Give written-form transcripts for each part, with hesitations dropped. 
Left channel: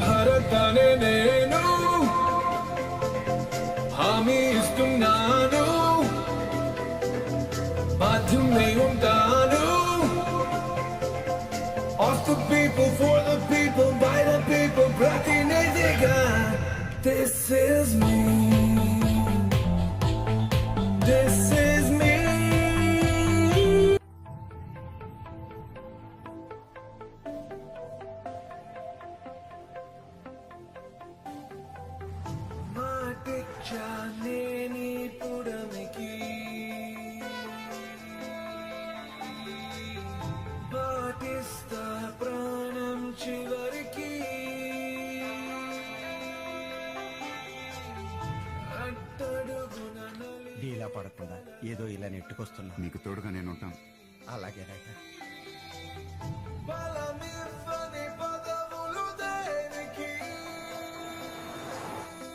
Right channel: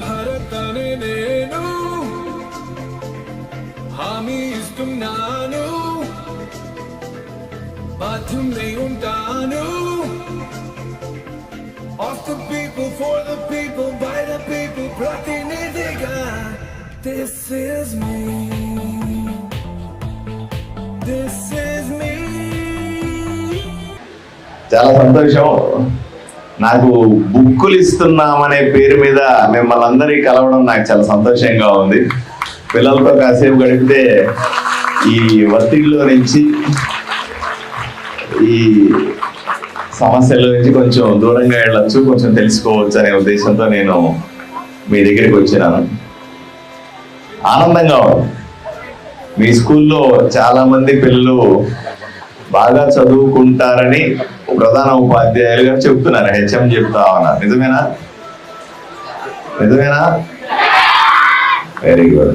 భరతనే నేను హామీ ఇస్తున్నాను, మాధ్యమే ఉంటాను. Of the people, for the people, by the people, ప్రతినిధిగా. This is me. This is me. చాలా సంతోషం. నాకు బుక్కులు ఇస్తున్నామనే పేరు మీద మిమ్మల్ని అందరినీ కలవడం నాకు చాలా సంతోషంగా ఉంది. పిల్లలతో కాసేపు గడిపితే ఈ ఒత్తిడిలో నుంచి, ఈ సమస్యల నుంచి కొంచెం దూరంగా వెళ్ళొచ్చు, కొంచెం తెలుసుకోవచ్చు అనే ఉద్దేశంతో నేను మీ దగ్గరికి వచ్చినాను. ఆనందంగా ఉంది. మీ స్కూల్లో చాలా మంది పిల్లలు బాగా చదువుకుంటారని ప్రధాన ఉపాధ్యాయులుగా చెప్తున్నారు, హెచ్ఎం చెప్తా ఉన్నారు. నిజమేనా? Very good.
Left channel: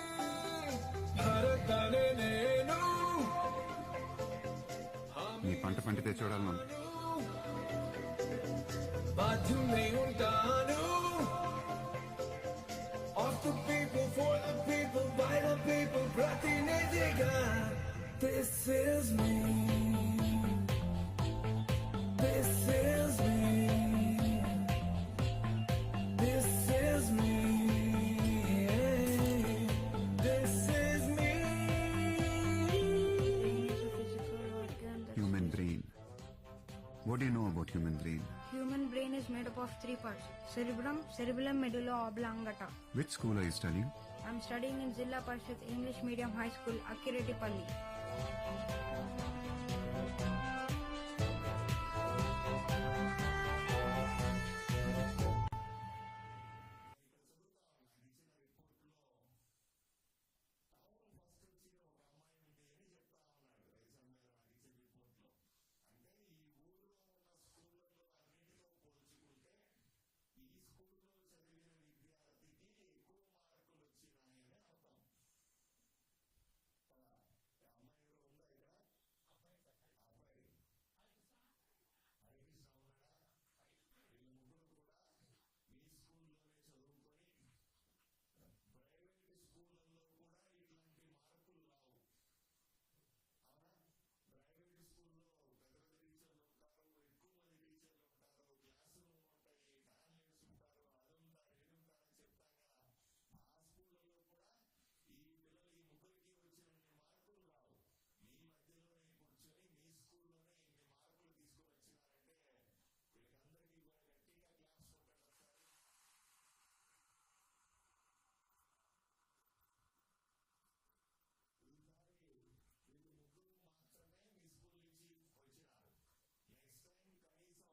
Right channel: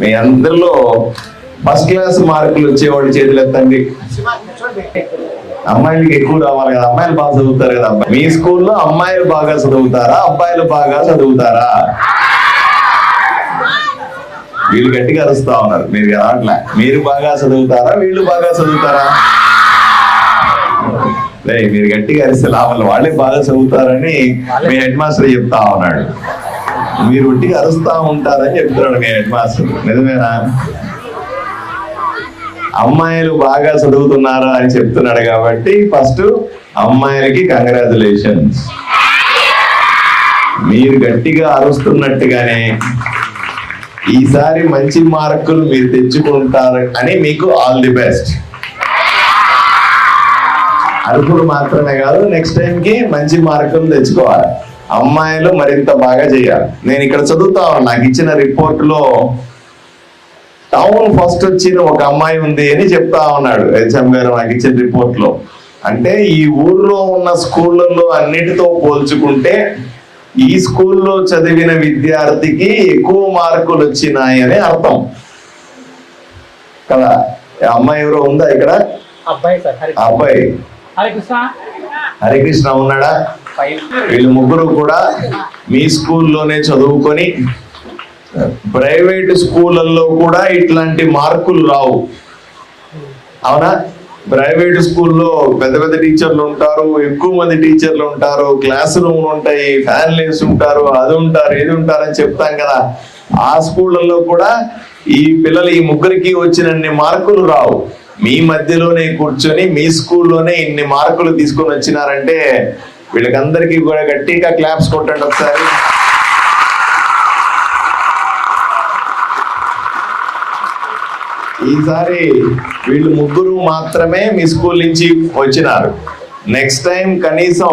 మీ అందరిలో ఫస్ట్ క్లాస్ మార్కులు వచ్చేవాడి చేతులు ఎత్తండి. అమ్మాయిలకి ఎక్కువ రావాలి కదా, అమ్మాయిలు బాగా చదువుతారు కదా. మీ స్కూల్లో అమ్మాయిలు బాగా చదువుతారా, అబ్బాయిలు బాగా చదువుతారా? వీళ్ళు గట్టిగా అరుస్తా ఉన్నారు, మీరు అట్లా. మీరు బాగా చదువుతారా, వీళ్ళు బాగా చదువుతారా? మీరు గట్టిగా అరిస్తే లాభాలు, వాళ్ళే బాగా చదువుతారని మీ హెడ్ మాస్టర్ చెప్తా ఉన్నాడు. మీరు ఒట్టిగా అరుస్తా ఉంటారని చెప్తున్నాడు మీ హెడ్ మాస్టర్. నిజమేనా? అమ్మాయిలు బాగా చదువుతున్నారా అని చెప్తున్నాడు కాబట్టి ఫస్ట్ అమ్మాయిలకి కంగ్రాచులేషన్స్. మీరు గట్టిగా అరుస్తున్నట్టుగానే ఈసారి మంచి మార్కులు మీరు తెచ్చుకుంటారు అని మీకు ఆల్ ది బెస్ట్. అరుపులు మాత్రమే కాదు, నెక్స్ట్ టైంకి మంచి మార్కులు తెచ్చుకోవాలి. అమ్మాయిలు మరింత బాగా చేయాలి. నేను ఇక్కడ చదువుతా నాకు ఇచ్చిన రిపోర్ట్ లో టౌన్ ఫస్ట్ వచ్చిన ఒక అమ్మాయి ఉంది అని చెప్తా ఉన్నాడు హెచ్ఎం గారు నాకు ఇచ్చిన రిపోర్ట్ లో. అంటే ఈ ఊర్లో ఉన్న స్కూళ్ళల్లో అన్నిటితో పోల్చుకుంటే ఈ స్కూల్లో చదివిన విద్యార్థికి ఎక్కువ మార్కులు వచ్చినాయి అని అర్థం కదా. అమ్మాయి ఎవరో ఉందా ఇక్కడ? అబ్బాయి హరికృష్ణ ఉన్నాడా? వీళ్ళు ముగ్గురు కూడా మీ స్కూల్లోనే చదువుకొని ప్రైవేట్ స్కూళ్ళల్లో కూడా ఇట్లాంటి మార్కులు రావు. అవునా? ప్రైవేట్ స్కూల్లో పెద్ద పెద్ద టీచర్లు ఉంటారు, ఎక్కువ మంది టీచర్లు ఉంటారు, క్లాస్ రూమ్ ఉంటాయి, ఫ్యాన్లీస్ ఉంటారు, అది ఉంటారు, ఇది ఉంటారు అని చెప్తాం కదా. ఆ స్కూళ్ళల్లో కూడా ఈ పిల్లలు ఈ ముగ్గురికి వచ్చినన్ని మార్కులు రావు. మీ మధ్యలోనే కూర్చొని మీ స్కూల్లోనే ఇన్ని మార్కులు తీసుకొని వచ్చినారంటే వీళ్ళకందరికీ కూడా గట్టిగా క్లాప్స్ కొట్టండి ఒకసారి. ఈసారి వీళ్ళు ముగ్గురు మాత్రమే మీ స్కూల్ నుంచి వచ్చినారు. నెక్స్ట్ టైం కనీసం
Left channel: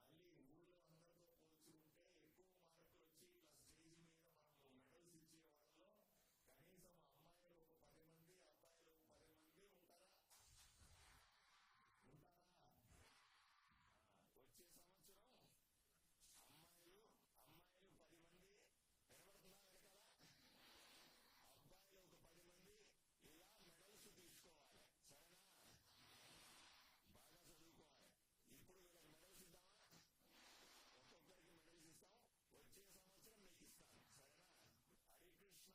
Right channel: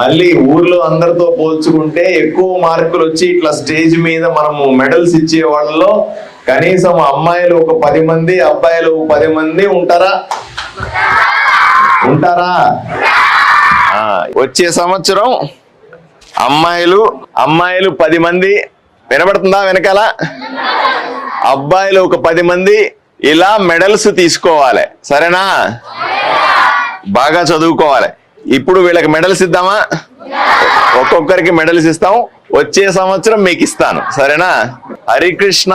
మళ్ళీ ఊర్లో అందరితో పోల్చుకుంటే ఎక్కువ మార్కులు వచ్చి ఇట్లా స్టేజ్ మీద మనము మెడల్స్ ఇచ్చే వాళ్ళలో కనీసం అమ్మాయిలు ఒక 10 మంది, అబ్బాయిలు 10 మంది ఉంటారా? వచ్చే సంవత్సరం అమ్మాయిలు 10 మంది, వినబడుతుందా వెనకాల? అబ్బాయిలు ఒక 10 మంది ఇలా మెడల్స్ తీసుకోవాలి. సరేనా? బాగా చదువుకోవాలి. ఇప్పుడు వీళ్ళకి మెడల్స్ ఇద్దామా? ఒక్కొక్కరికి మెడల్స్ ఇస్తాం. వచ్చే సంవత్సరం మీకు ఇస్తాను. సరేనా? హరికృష్ణ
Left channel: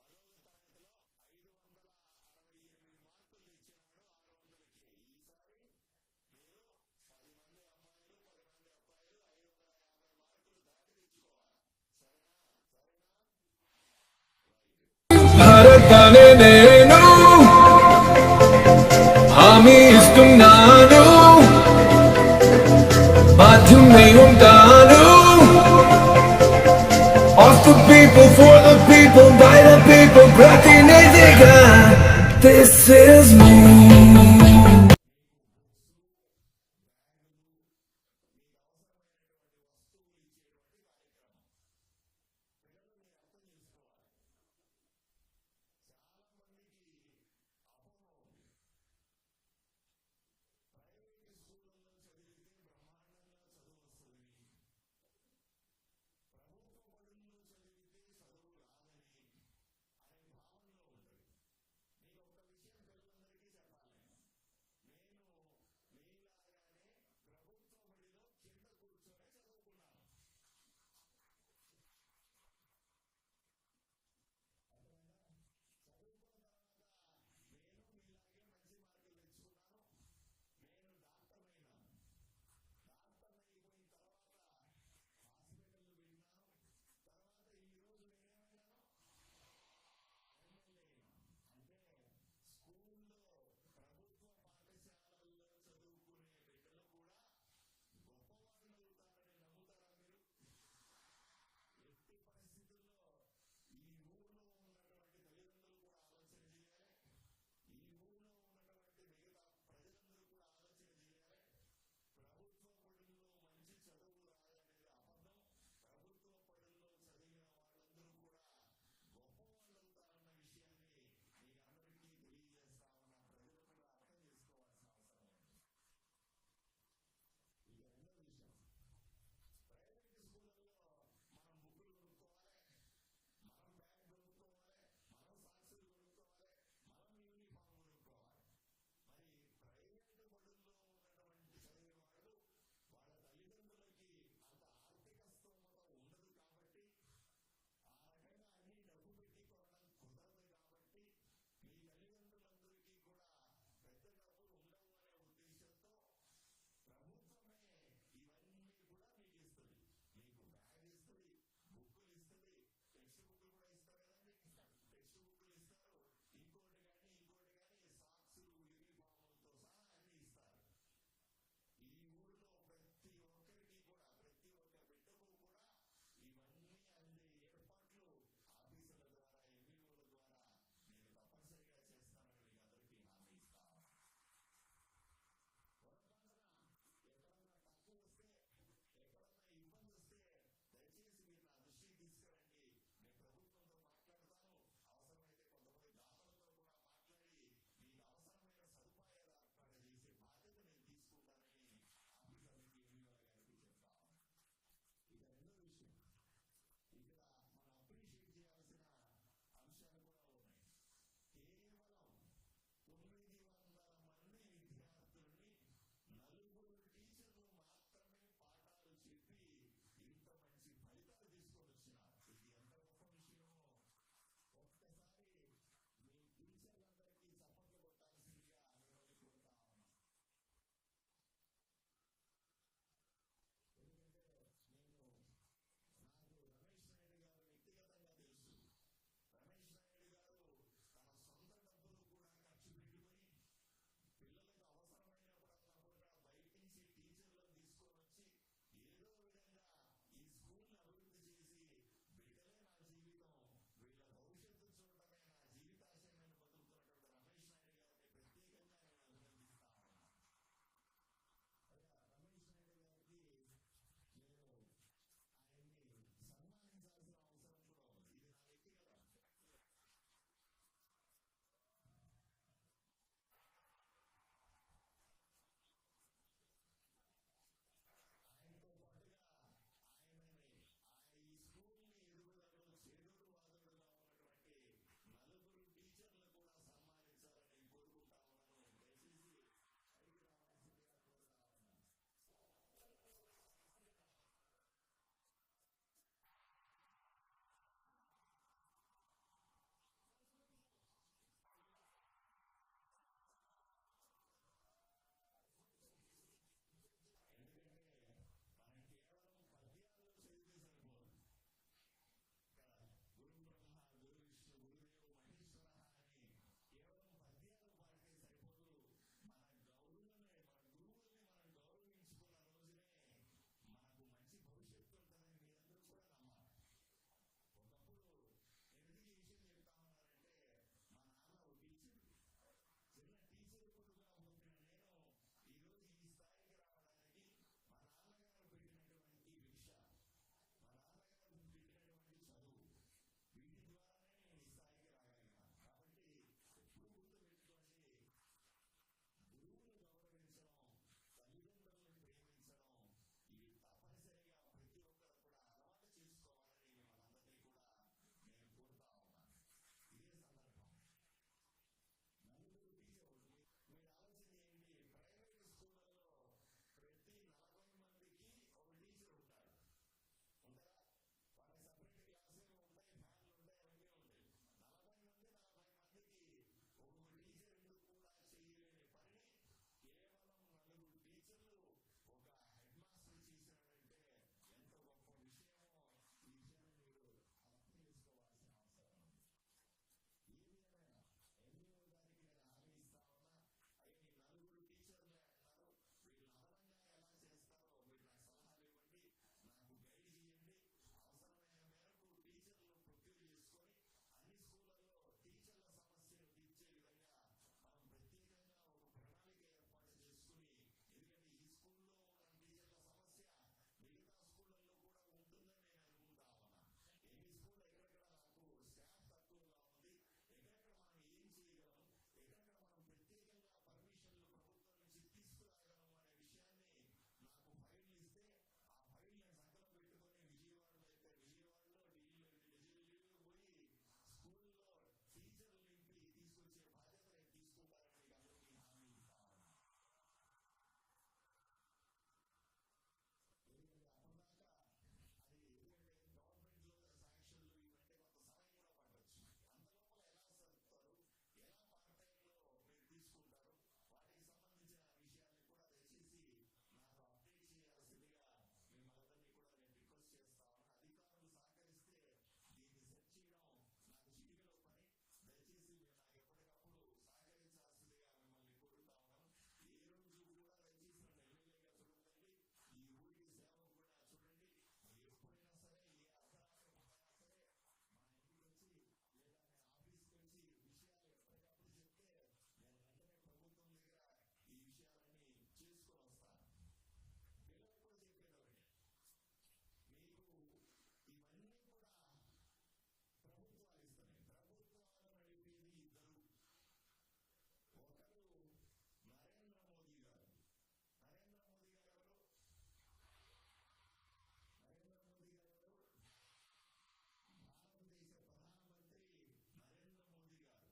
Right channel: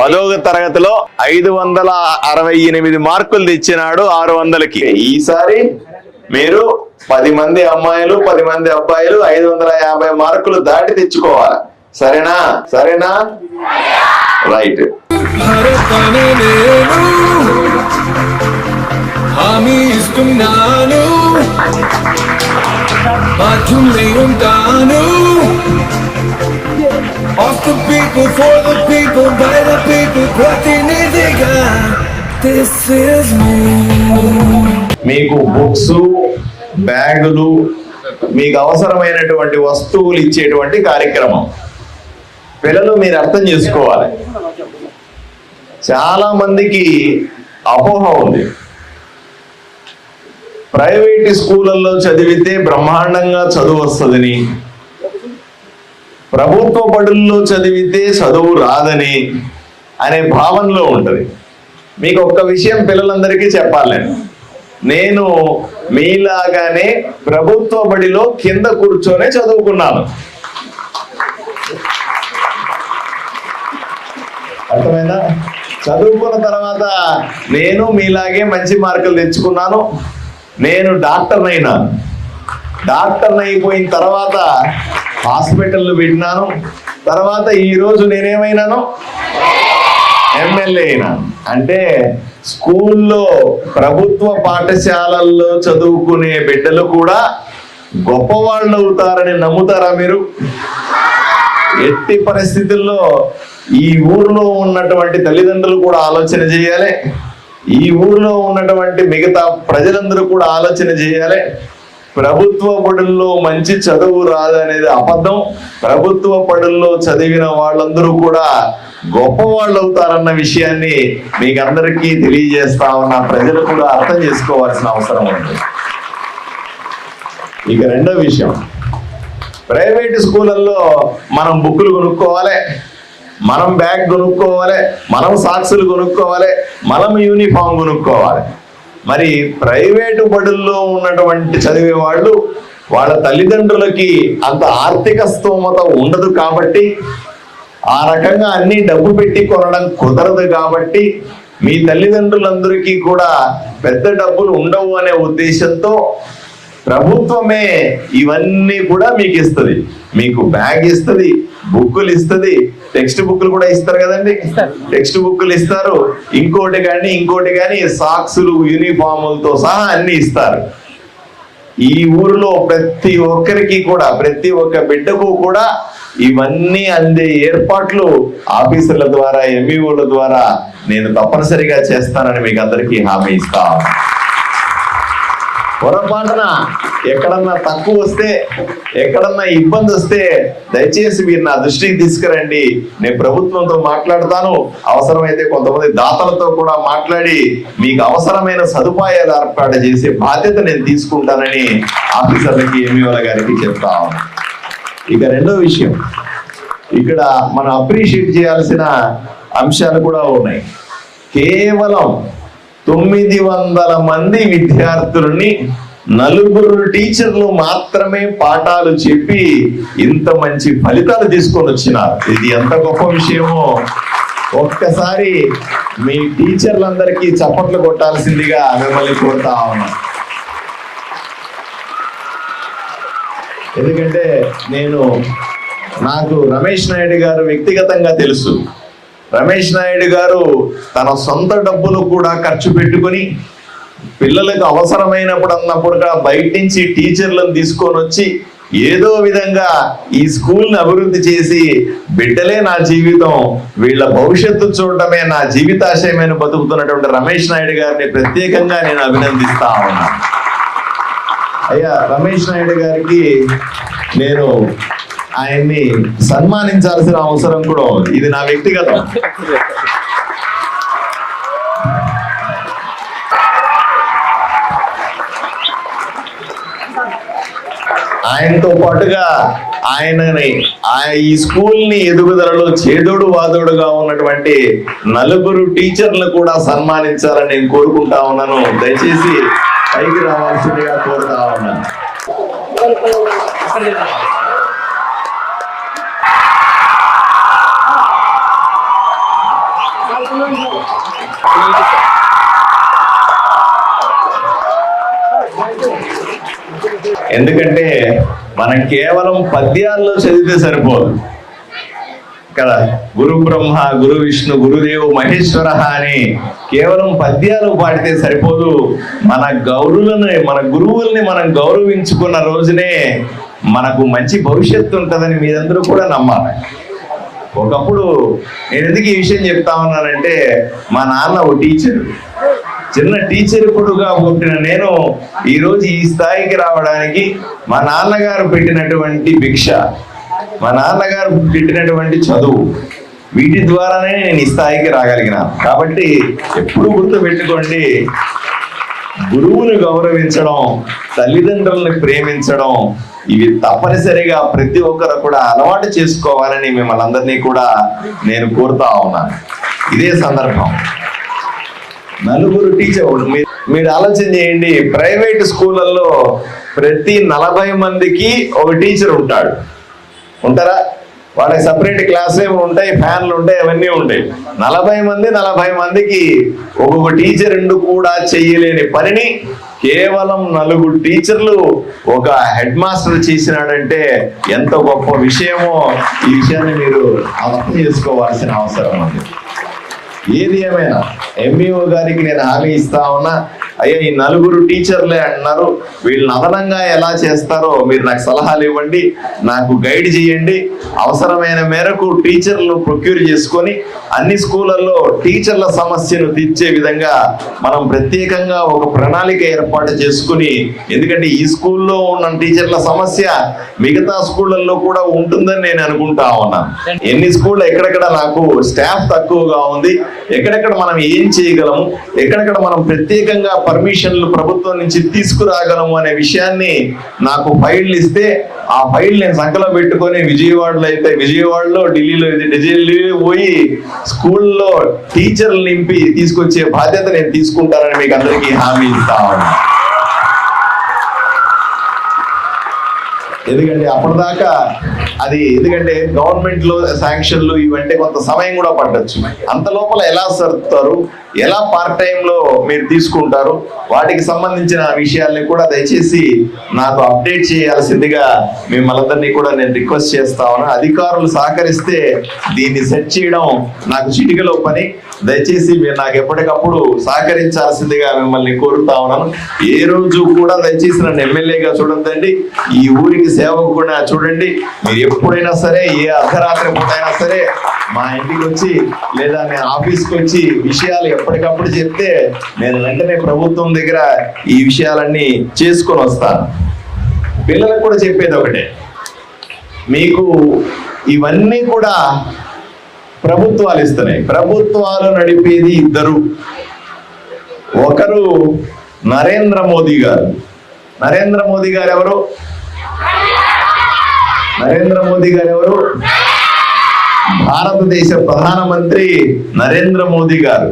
10వ తరగతిలో 568 మార్కులు తెచ్చినాడు 600కి. ఈసారి మీరు 10 మంది అమ్మాయిలు 10 మంది అబ్బాయిలు 550 మార్కులు దాటి తెచ్చుకోవాలి. సరేనా? రైట్. భరతనే నేను హామీ ఇస్తున్నాను, మాధ్యమే ఉంటాను. Of the people, for the people, by the people, ప్రతినిధిగా. This is me. మీకు బుక్స్, బ్యాగులు, మీకు అవసరమైనటువంటి వస్తువులు ఇచ్చేటువంటి కార్యక్రమం. పిల్లలు మీరు అర్థం చేసుకోవాలి. చాలా మందికి అపోహ ఉంది, ప్రైవేట్ స్కూళ్ళల్లో చదివితే బ్రహ్మాండంగా చదువు వస్తుందని, ప్రభుత్వ బడుల్లో చదివితే చదువు రాదని అనే భావనలో ఉంటుంది. మీకు ఒక్క విషయం పిల్లలందరికీ చెప్పాలి. నేను మీలాగానే ప్రభుత్వ బడిలో కింద కూర్చొనే చదువుకున్నాను. అర్థమైందా? చదువుకున్న తర్వాత నేను మీలాగే మంచి మార్కులు తెచ్చుకున్నాను. నేను డాక్టర్ని అయినాను. డాక్టర్ని అయిపోయిన తర్వాత హాస్పిటల్ పెట్టినాను. తర్వాత ఈరోజు నేనేమైనాను? ఎమ్మెల్యే అయినాను. అంటే స్కూల్లో ప్రభుత్వ పాఠశాలల్లో చదువుకునే బిడ్డలు కూడా గొప్పవాళ్ళు అవుతారని నమ్ముతారా మీరు? ఎట్టి పరిస్థితుల్లో ఈ ఊరిలో ఉన్నటువంటి తల్లిదండ్రులు కూడా ఆలోచన చేయాలి. ఈ ఊరిలో ఉన్నటువంటి మిగతా ప్రజలందరూ కూడా ఆలోచన చేయాలి. ప్రభుత్వ బడుల్లో మంచి చదువు రాదనేది అబద్ధం. ప్రభుత్వ బడుల్లో చదివిన వాళ్ళందరూ కూడా గొప్పవాళ్ళు అవుతారన్న విషయాన్ని మీకు అందరికీ తెలియజేస్తా ఉన్న ప్రజలు కూడా అర్థం చేసుకోవాల్సిన అవసరం ఉంది. ఇక రెండో విషయం, ప్రైవేట్ స్కూళ్ళల్లో మనం బుక్కులు కొనుక్కోవాలి, మనం బ్యాగ్ కొనుక్కోవాలి, మనం సాక్సులు కొనుక్కోవాలి, మనం యూనిఫామ్ కొనుక్కోవాలి. మరి ప్రైవేటు బడుల్లో ఉన్నటువంటి చదివే వాళ్ళు వాళ్ళ తల్లిదండ్రులకి అంత ఆర్థిక స్తోమత ఉండదు కాబట్టి, ఆ రకంగా అన్ని డబ్బు పెట్టి కొనడం కుదరదు కాబట్టి, మీ తల్లిదండ్రులందరికీ కూడా పెద్ద డబ్బులు ఉండవు అనే ఉద్దేశంతో ప్రభుత్వమే ఇవన్నీ కూడా మీకు ఇస్తుంది. మీకు బ్యాగ్ ఇస్తుంది, బుక్కులు ఇస్తుంది, టెక్స్ట్ బుక్లు కూడా ఇస్తారు కదండి. టెక్స్ట్ బుక్లు ఇస్తారు, ఇంకోటి కానీ సాక్సులు యూనిఫాములతో సహా అన్ని ఇస్తారు. ఈ ఊరిలో ప్రతి ఒక్కరికి కూడా, ప్రతి ఒక్క బిడ్డకు కూడా ఇవన్నీ అందే ఏర్పాట్లు ఆఫీసర్ల ద్వారా, ఎంఈఓల ద్వారా నేను తప్పనిసరిగా చేస్తానని మీకు అందరికీ హామీ ఇస్తాను. పొరపాటున ఎక్కడన్నా తక్కువ వస్తే, ఎక్కడన్నా ఇబ్బంది వస్తే దయచేసి మీరు నా దృష్టికి తీసుకురండి. నేను ప్రభుత్వంతో మాట్లాడతాను. అవసరమైతే కొంతమంది దాతలతో కూడా మాట్లాడి మీకు అవసరమైన సదుపాయాలు ఏర్పాటు చేసే బాధ్యత నేను తీసుకుంటానని ఆఫీసర్లకి, ఎంఈఓల గారికి చెప్తా ఉన్నాను. ఇక రెండో విషయం, ఇక్కడ మనం అప్రిషియేట్ చేయాల్సిన అంశాలు కూడా ఉన్నాయి. కేవలం 900 మంది విద్యార్థులని 4 టీచర్లు మాత్రమే పాఠాలు చెప్పి ఇంత మంచి ఫలితాలు తీసుకొని వచ్చినారు. ఇది ఎంత గొప్ప విషయమో ఒక్కసారి మీ టీచర్లందరికీ చప్పట్లు కొట్టాల్సిందిగా మిమ్మల్ని కోరుతా ఉన్నా. ఎందుకంటే నాకు రమేష్ నాయుడు గారు వ్యక్తిగతంగా తెలుసు. రమేష్ నాయుడు గారు తన సొంత డబ్బులు కూడా ఖర్చు పెట్టుకుని పిల్లలకు అవసరమైనప్పుడు బయట నుంచి టీచర్లను తీసుకొని వచ్చి ఏదో విధంగా ఈ స్కూల్ని అభివృద్ధి చేసి బిడ్డలే నా జీవితం, వీళ్ళ భవిష్యత్తు చూడటమే నా జీవితాశయమైన బతుకుతున్నటువంటి రమేష్ నాయుడు గారిని ప్రత్యేకంగా నేను అభినందిస్తా ఉన్నాను. అయ్యా, రమేష్ నాయుడు గారికి నేను ఆయన్ని సన్మానించాల్సిన అవసరం కూడా ఉంది. ఇది నా వ్యక్తిగతం. ఆయనతో పాటుగా ఈ స్కూల్ ని ఎదుగుదలలో చేదోడు వాదోడుగా ఉన్నటువంటి 4 టీచర్లు కూడా సన్మానించాలని నేను కోరుకుంటా ఉన్నాను. దయచేసి పైకి రావాల్సిందిగా కోరుతా ఉన్నాను. ఎందుకంటే మనం కేవలం పద్యాల్లో చదివితే సరిపోదు కదా. గురు బ్రహ్మ, గురు విష్ణు, గురుదేవు మహేశ్వర అని కేవలం పద్యాలు పాడితే సరిపోదు. మన గురువుల్ని మనం గౌరవించుకున్న రోజునే మనకు మంచి భవిష్యత్తు ఉంటుందని మీరందరూ కూడా నమ్మాలి. ఒకప్పుడు నేను ఎందుకు ఈ విషయం చెప్తా ఉన్నానంటే, మా నాన్న ఓ టీచర్, చిన్న టీచర్ కొడుగా పుట్టిన నేను ఈరోజు ఈ స్థాయికి రావడానికి మా నాన్నగారు పెట్టినటువంటి భిక్ష, మా నాన్నగారు పెట్టినటువంటి చదువు, వీటి ద్వారానే నేను ఈ స్థాయికి రాగలిగినాను. కాబట్టి ఎప్పుడు గుర్తు పెట్టుకోండి, గురువుని గౌరవించడం, తల్లిదండ్రులను ప్రేమించడం, ఇవి తప్పనిసరిగా ప్రతి ఒక్కరు కూడా అలవాటు చేసుకోవాలని మిమ్మల్ని అందరినీ కూడా నేను కోరుతా ఉన్నాను. ఇదే సందర్భం నలుగురు టీచర్. మీరు ఆలోచన చేయండి, ప్రైవేట్ స్కూళ్ళల్లో ప్రతి 40 మందికి ఒక టీచర్ ఉంటారా? వాళ్ళకి సపరేట్ క్లాస్ రూమ్ ఉంటాయి, ఫ్యాన్లు ఉంటాయి, అవన్నీ ఉంటాయి. 40 మందికి ఒక్కొక్క టీచర్ కూడా చేయలేని పనిని కేవలం 4 టీచర్లు ఒక హెడ్ మాస్టర్ చేసినాడంటే ఎంత గొప్ప విషయమో ఈ విషయాన్ని మీరు అర్థం చేసుకోవాల్సిన అవసరం ఉంది. ఏది ఏమైనా ఎంఈఓ గారికి నేను హామీ ఇస్తా ఉన్నా, అయ్యా ఈ 4 టీచర్లే అంటున్నారు, వీళ్ళని అదనంగా ఎలా చేస్తారో మీరు నాకు సలహాలు ఇవ్వండి, నాకు గైడ్ చేయండి. అవసరమైన మేరకు టీచర్లు ప్రొక్యూర్ చేసుకొని అన్ని స్కూళ్ళల్లో టీచర్ల సమస్యను తీర్చే విధంగా మనం ప్రత్యేకంగా ఒక ప్రణాళిక ఏర్పాటు చేసుకుని, ఎందుకంటే ఈ స్కూల్లో ఉన్న టీచర్ల సమస్య మిగతా స్కూళ్ళల్లో కూడా ఉంటుందని నేను అనుకుంటా ఉన్నాను. ఎన్ని స్కూళ్ళు ఎక్కడెక్కడ నాకు స్టాఫ్ తక్కువగా ఉంది, ఎక్కడెక్కడ మనం ఏం చేయగలము, ఎక్కడెక్కడ మనం ప్రత్యేకంగా పర్మిషన్లు ప్రభుత్వం నుంచి తీసుకురాగలము అనే విషయాన్ని నాకు ఫైళ్ళు ఇస్తే ఆ ఫైల్ నేను సంకలో పెట్టుకొని విజయవాడలో ఢిల్లీలో పోయి స్కూల్లో టీచర్లు నింపి తీసుకొచ్చే బాధ్యత నేను తీసుకుంటానని మీకు అందరికీ హామీ ఇస్తా ఉన్నాను. ఎందుకంటే అప్పటిదాకా ఎందుకంటే గవర్నమెంట్ లో శాంక్షన్లు ఇవంటే కొంత సమయం కూడా పట్టొచ్చు. అంత లోపల ఎలా సర్దుతారు, ఎలా పార్ట్ టైం లో మీరు తీసుకుంటారు, వాటికి సంబంధించిన విషయాల్ని కూడా దయచేసి నాకు అప్డేట్ చేయాల్సిందిగా మిమ్మల్ని కూడా నేను రిక్వెస్ట్ చేస్తా ఉన్నాను. అధికారులు సహకరిస్తే దీన్ని సెట్ చేయడం నాకు చిటికలో పని. దయచేసి మీరు నాకు ఎప్పటికప్పుడు సహకరించాల్సిందిగా మిమ్మల్ని కోరుతా ఉన్నాను. ఏ రోజు కూడా దయచేసి నన్ను ఎమ్మెల్యేగా చూడొద్దండి, ఈ ఊరికి సేవకు కూడా చూడండి. మీరు ఎప్పుడైనా సరే, ఏ అర్ధరాత్రి పూటైనా సరే మా ఇంటికి వచ్చి లేదా నేను ఆఫీస్కి వచ్చి విషయాలు ఎప్పటికప్పుడు చెప్తే నేను వెంటనే ప్రభుత్వం దగ్గర ఈ విషయాలన్నీ చేసుకొని వస్తాను. పిల్లలకు కూడా చెప్పేది ఒకటే, మీకు ఇవన్నీ కూడా ప్రభుత్వాలు ఇస్తున్నాయి. ప్రభుత్వాలు నడిపేది 2. ఒకరు నరేంద్ర మోదీ గారు. నరేంద్ర మోదీ గారు ఎవరు? భారతదేశ ప్రధానమంత్రి నరేంద్ర మోదీ గారు.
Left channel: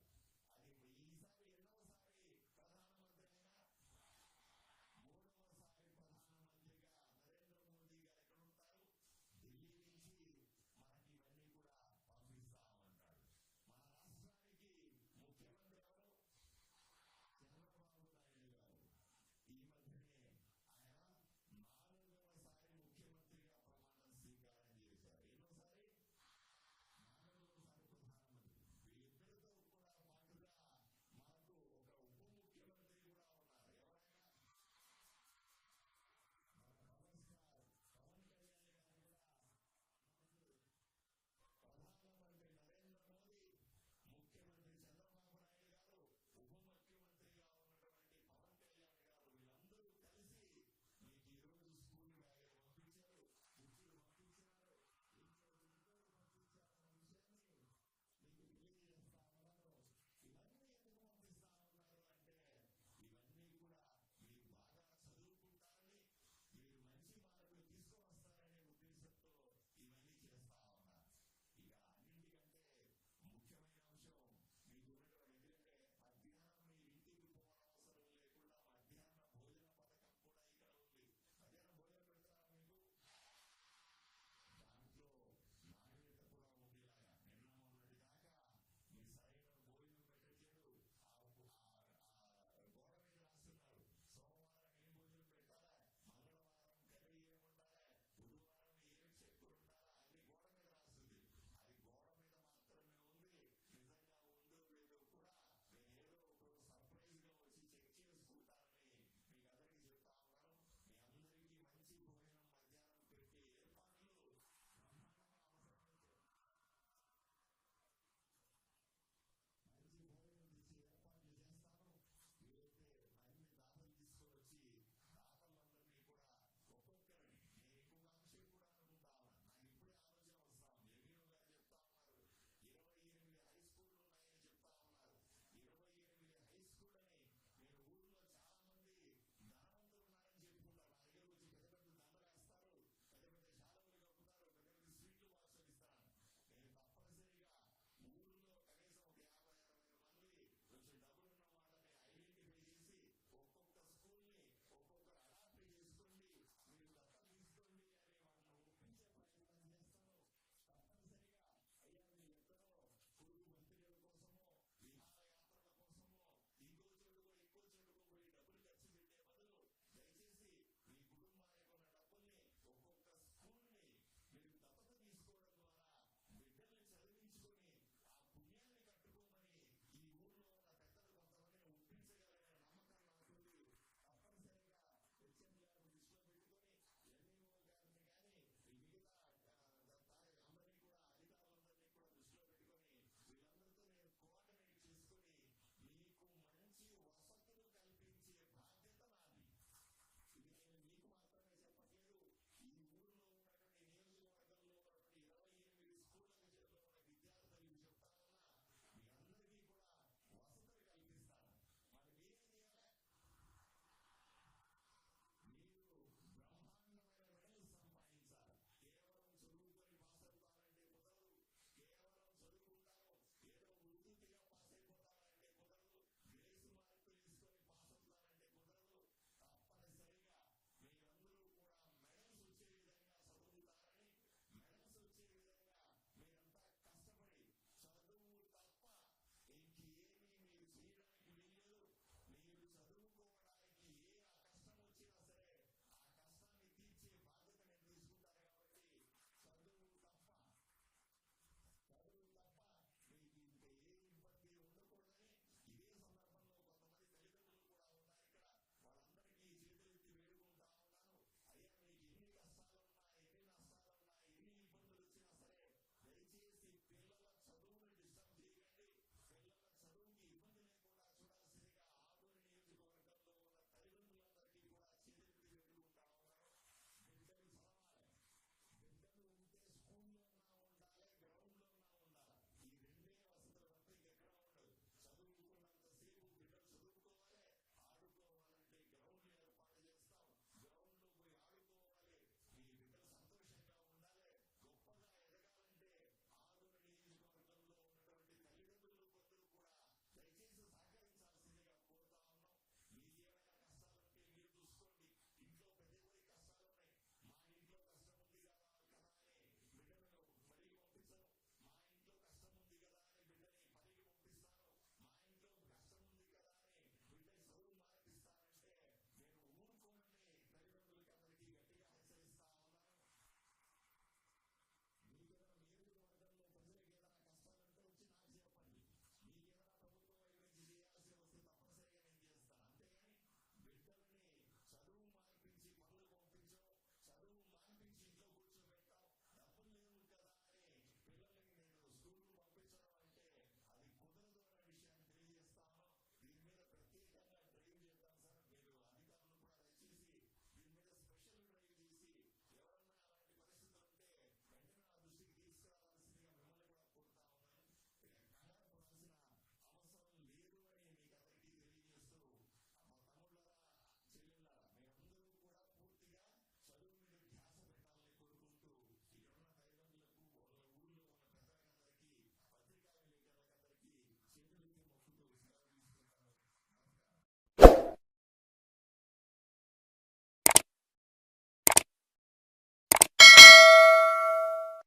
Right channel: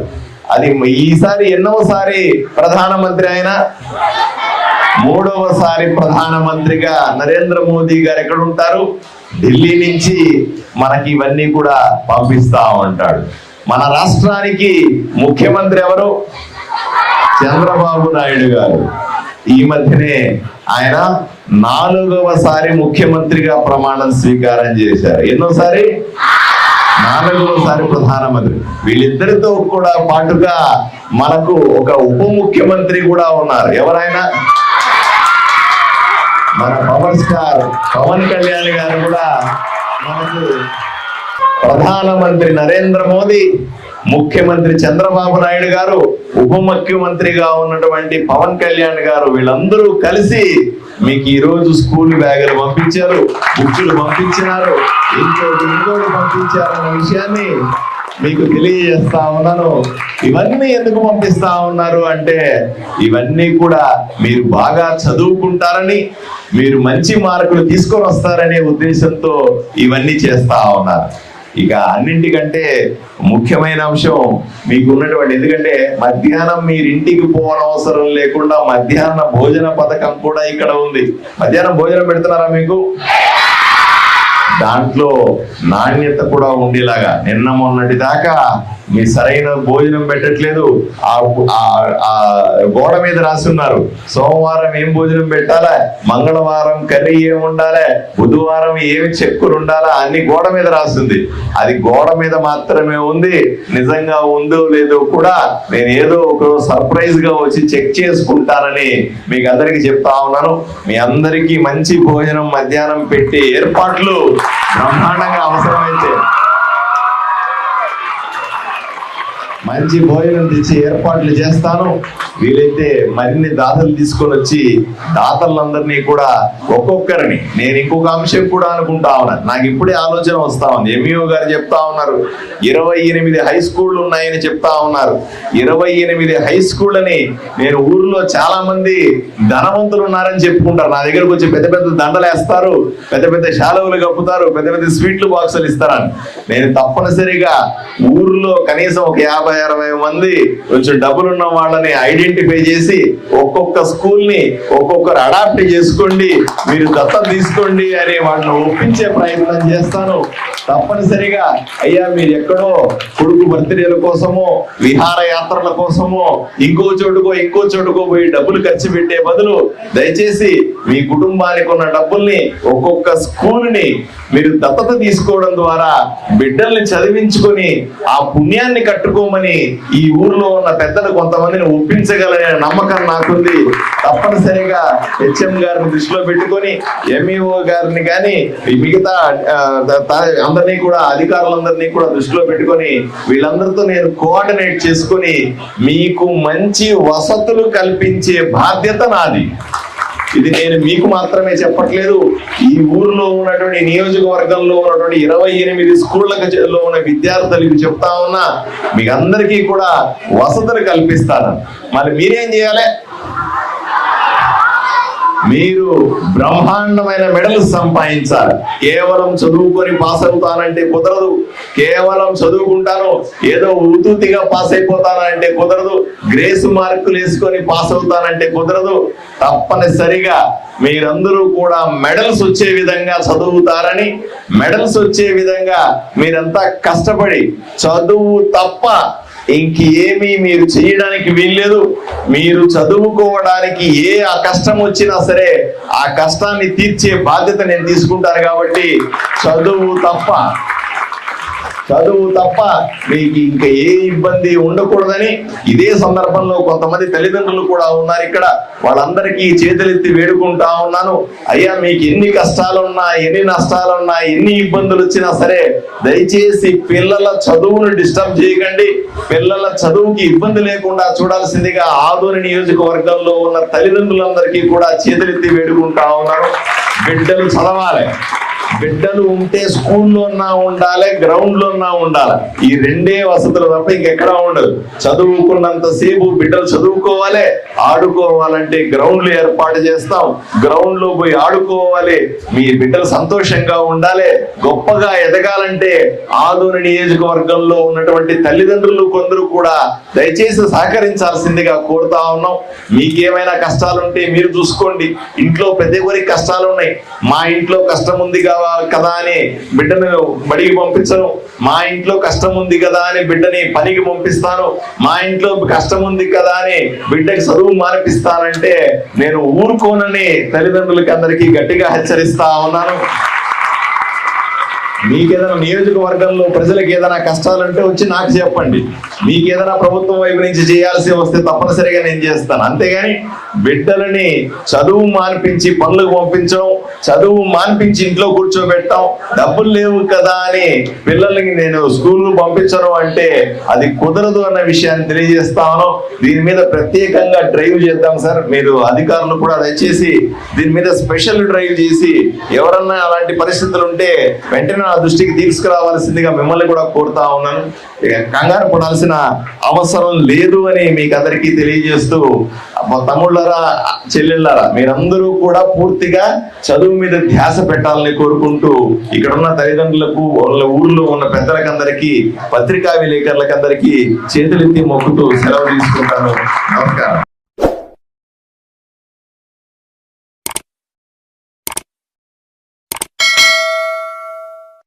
అది ఈసారి ఎన్నోసారి ప్రధానమంత్రి ఆయన? 3వసారి ప్రధానమంత్రిగా నరేంద్ర మోదీ గారు ఎక్కడ ఉంటారు? ఢిల్లీ నుంచి మనకి ఇవన్నీ కూడా పంపిస్తా ఉంటాడు. మన రాష్ట్రానికి ముఖ్యమంత్రి ఎవరు? చంద్రబాబు నాయుడు గారు. ఈ మధ్యనే ఆయన 4వసారి ముఖ్యమంత్రిగా ప్రమాణం స్వీకారం చేశారు. ఎన్నోసారి? 4వసారి ప్రధానమంత్రి. వీళ్ళిద్దరితో కూడా పాటుగా మనకు ఒక ఉప ముఖ్యమంత్రి కూడా ఉన్నారు. ఎవరైనా? మన పవర్ స్టార్ పవన్ కళ్యాణ్ గారు కూడా మనకు ప్రధానమంత్రి నరేంద్ర మోదీ, ముఖ్యమంత్రి చంద్రబాబు నాయుడు గారు, ఉప ముఖ్యమంత్రిగా ఉన్నటువంటి పవన్ కళ్యాణ్ గారు, వీళ్ళందరూ కలిసి మీకు ఈ రోజు స్కూల్ బ్యాగులు పంపించారు, బుక్కులు పంపించినారు, ఇంకోటి పంపించారన్న విషయాన్ని మీకు తెలియజేస్తా ఉన్నాను. ఇవన్నీ ఎందుకు పంపిస్తా ఉన్నారు అంటే, ఇవన్నీ కూడా మీరు బాగా చదువుకుంటారని, మీరు మంచి మార్కులు తీసుకొని వస్తారనే ఉద్దేశంతో ఇవన్నీ చేస్తా ఉన్నారు. ఇక అన్నింటికంటే ముఖ్యమైన అంశం మీకు ఉన్నటువంటి, ఎందుకంటే మధ్యాహ్నం మీరు ఇంటికి పోవనవసరం లేకుండా మధ్యాహ్న భోజన పథకం కూడా ఇక్కడ ఉంది. మధ్యాహ్నం భోజనం పెడుతున్నారా మీకు? దాంట్లో నాణ్యత కూడా ఉండేలాగా, నిన్న మొన్నటి దాకా మీ సరైన భోజనం పెట్టట్లేదు. ఆ గోడ మీద రాసి ఉన్నారు, సోమవారం ఏం భోజనం పెట్టాలా, మంగళవారం కర్రీ ఏమి ఉండాలి, బుధవారం ఏమి చెక్కులు ఉండాలా, అన్ని గోడ మీద రాస్తుంది. అది గోడ మీద మాత్రమే ఉంది. నిజంగా ఉందో లేదో కూడా నేను ఏదో ఒక సర్ప్రైజ్ గా వచ్చి చెక్ చేసుకుంటానని మీకు అందరికి చెప్తా ఉన్నాను. మీ అందరికీ మంచి భోజనం మధ్యాహ్నం పెట్టి ఏర్పాట్లు బ్రహ్మాండంగా అవసరమైతే మంచి భోజనం తెచ్చి ఏర్పాట్లు చేస్తాను. వీలైతే మరిన్ని దాతలు తీసుకొని వచ్చి దాతలందరినీ కూడా ఒక్కొక్కరిని, నేను ఇంకొక అంశం కూడా అనుకుంటా ఉన్నాను, నాకు ఇప్పుడే ఆలోచన వస్తా ఉంది. ఎంఈఓ గారు చెప్తా ఉన్నారు 28 హై స్కూళ్ళు ఉన్నాయని చెప్తా ఉన్నారు. 28 హై స్కూళ్ళని నేను ఊర్లో చాలా మంది ధనవంతులు ఉన్నారని చెప్పుకుంటారు. నా దగ్గరకు వచ్చి పెద్ద పెద్ద దండలు వేస్తారు, పెద్ద పెద్ద శాలువలు కప్పుతారు, పెద్ద పెద్ద స్వీట్లు బాక్సులు ఇస్తారని. నేను తప్పనిసరిగా ఊర్లో కనీసం ఒక 50 20 మంది కొంచెం డబ్బులున్న వాళ్ళని ఐడెంటిఫై చేసి ఒక్కొక్క స్కూల్ ని ఒక్కొక్కరు అడాప్ట్ చేసుకోండి, మీరు దత్తం తీసుకోండి అని వాళ్ళని ఒప్పించే ప్రయత్నం చేస్తాను. తప్పనిసరిగా అయ్యా మీరు ఎక్కడో కొడుకు బర్త్డేల కోసమో విహారయాత్రల కోసమో ఇంకో చోటుకో పోయి డబ్బులు ఖర్చు పెట్టే బదులు దయచేసి మీ కుటుంబానికి ఉన్న డబ్బుల్ని ఒక్కొక్క స్కూల్ ని మీరు దత్తత తీసుకోవడం ద్వారా బిడ్డల్ని చదివించుకొని ఆ పుణ్యాన్ని కట్టుకోమని ఈ ఊర్లో ఉన్న పెద్దలు కొంతమందిని ఒప్పించగలనే నమ్మకం నాకుంది. తప్పనిసరిగా హెచ్ఎం గారిని దృష్టిలో పెట్టుకొని ఎంఈఓ గారిని కానీ మిగతా అందరినీ కూడా అధికారులందరినీ కూడా దృష్టిలో పెట్టుకొని వీళ్ళందరితో నేను కోఆర్డినేట్ చేసుకొని మీకు మంచి వసతులు కల్పించే బాధ్యత నాది. ఇది నేను మీకు మాత్రమే చెప్పట్లేదు, ఈ ఊర్లో ఉన్నటువంటి నియోజకవర్గంలో ఉన్నటువంటి 28 స్కూళ్ళలో ఉన్న విద్యార్థులకు చెప్తా ఉన్నా, మీకు అందరికీ కూడా వసతులు కల్పిస్తాను. మరి మీరేం చేయాలి? మీరు బ్రహ్మాండమైన మెడల్స్ సంపాదించాలి. కేవలం చదువుకొని పాస్ అవుతానంటే కుదరదు, కేవలం చదువుకుంటాను ఏదో ఉతుతిగా పాస్ అయిపోతానంటే కుదరదు, గ్రేస్ మార్కులు వేసుకొని పాస్ అవుతానంటే కుదరదు. తప్పనిసరిగా మీరందరూ కూడా మెడల్స్ వచ్చే విధంగా చదువుతారని, మెడల్స్ వచ్చే విధంగా మీరంతా కష్టపడి చదువు తప్ప ఇంకేమీ మీరు చేయడానికి వీల్లేదు. మీరు చదువుకోవడానికి ఆ కష్టం వచ్చినా సరే ఆ కష్టాన్ని తీర్చే బాధ్యత నేను తీసుకుంటాను. కాబట్టి చదువు తప్ప మీకు ఇంకా ఏ ఇబ్బంది ఉండకూడదని ఇదే సందర్భంలో కొంతమంది తల్లిదండ్రులు కూడా ఉన్నారు ఇక్కడ, వాళ్ళందరికీ చేతులెత్తి వేడుకుంటా ఉన్నాను. అయ్యా మీకు ఎన్ని కష్టాలున్నా, ఎన్ని నష్టాలున్నా, ఎన్ని ఇబ్బందులు వచ్చినా సరే దయచేసి పిల్లల చదువును డిస్టర్బ్ చేయకండి. పిల్లల చదువుకి ఇబ్బంది లేకుండా చూడాల్సిందిగా ఆదోని నియోజకవర్గంలో ఉన్న తల్లిదండ్రులందరికీ కూడా చేతులెత్తి వేడుకుంటా ఉన్నాను. బిడ్డలు చదవాలి, బిడ్డలు ఉంటే స్కూల్లో ఉండాలి, గ్రౌండ్ లో ఉండాలి. ఈ రెండే వసతులు తప్ప ఇంకెక్కడా ఉండదు. చదువుకున్నంత సేపు బిడ్డలు చదువుకోవాలి, ఆడుకోవాలంటే గ్రౌండ్లు ఏర్పాటు చేస్తాం, గ్రౌండ్ లో పోయి ఆడుకోవాలి. మీ బిడ్డలు సంతోషంగా ఉండాలి, గొప్పగా ఎదగాలంటే ఆదోని నియోజకవర్గంలో ఉన్నటువంటి తల్లిదండ్రులు కొందరు కూడా దయచేసి సహకరించాల్సిందిగా కోరుతా ఉన్నాం. మీకేమైనా కష్టాలుంటే మీరు చూసుకోండి. ఇంట్లో పెద్ద ఎవరికి కష్టాలు ఉన్నాయి, మా ఇంట్లో కష్టం ఉంది కదా అని బిడ్డను బడికి పంపించను, మా ఇంట్లో కష్టం ఉంది కదా అని బిడ్డని పనికి పంపిస్తాను, మా ఇంట్లో కష్టం ఉంది కదా అని బిడ్డకి చదువు మానిపిస్తానంటే నేను ఊరుకోనని తల్లిదండ్రులకి అందరికీ గట్టిగా హెచ్చరిస్తా ఉన్నాను. మీకేదైనా నియోజకవర్గంలో ప్రజలకు ఏదైనా కష్టాలుంటే వచ్చి నాకు చెప్పండి. మీకేదైనా ప్రభుత్వం వైపు నుంచి చేయాల్సి వస్తే తప్పనిసరిగా నేను చేస్తాను. అంతేగాని బిడ్డలని చదువు మానిపించి పనులకు పంపించడం, చదువు మానిపించి ఇంట్లో కూర్చోబెట్టడం, డబ్బులు లేవు కదా అని పిల్లలకి నేను స్కూల్ పంపించడం అంటే అది కుదరదు అన్న విషయాన్ని తెలియజేస్తాను. దీని మీద ప్రత్యేకంగా డ్రైవ్ చేద్దాం సార్. మీరు అధికారులు కూడా దయచేసి దీని మీద స్పెషల్ డ్రైవ్ చేసి ఎవరన్నా అలాంటి పరిస్థితులు ఉంటే వెంటనే నా దృష్టికి తీసుకురావాల్సిందిగా మిమ్మల్ని కూడా కోరుతా ఉన్నాను. కంగారు పడాల్సిన అవసరం లేదు అని మీకు అందరికీ తెలియజేస్తూ, తమ్ముళ్ళారా చెల్లెళ్ళారా మీరందరూ కూడా పూర్తిగా చదువు మీద ధ్యాస పెట్టాలని కోరుకుంటూ ఇక్కడ ఉన్న తల్లిదండ్రులకు, వాళ్ళ ఊర్లో ఉన్న పెద్దలకందరికీ, పత్రికా విలేకరులకందరికీ చేతులెత్తి మొక్కుతూ సెలవు తీసుకుంటాను. నమస్కారం.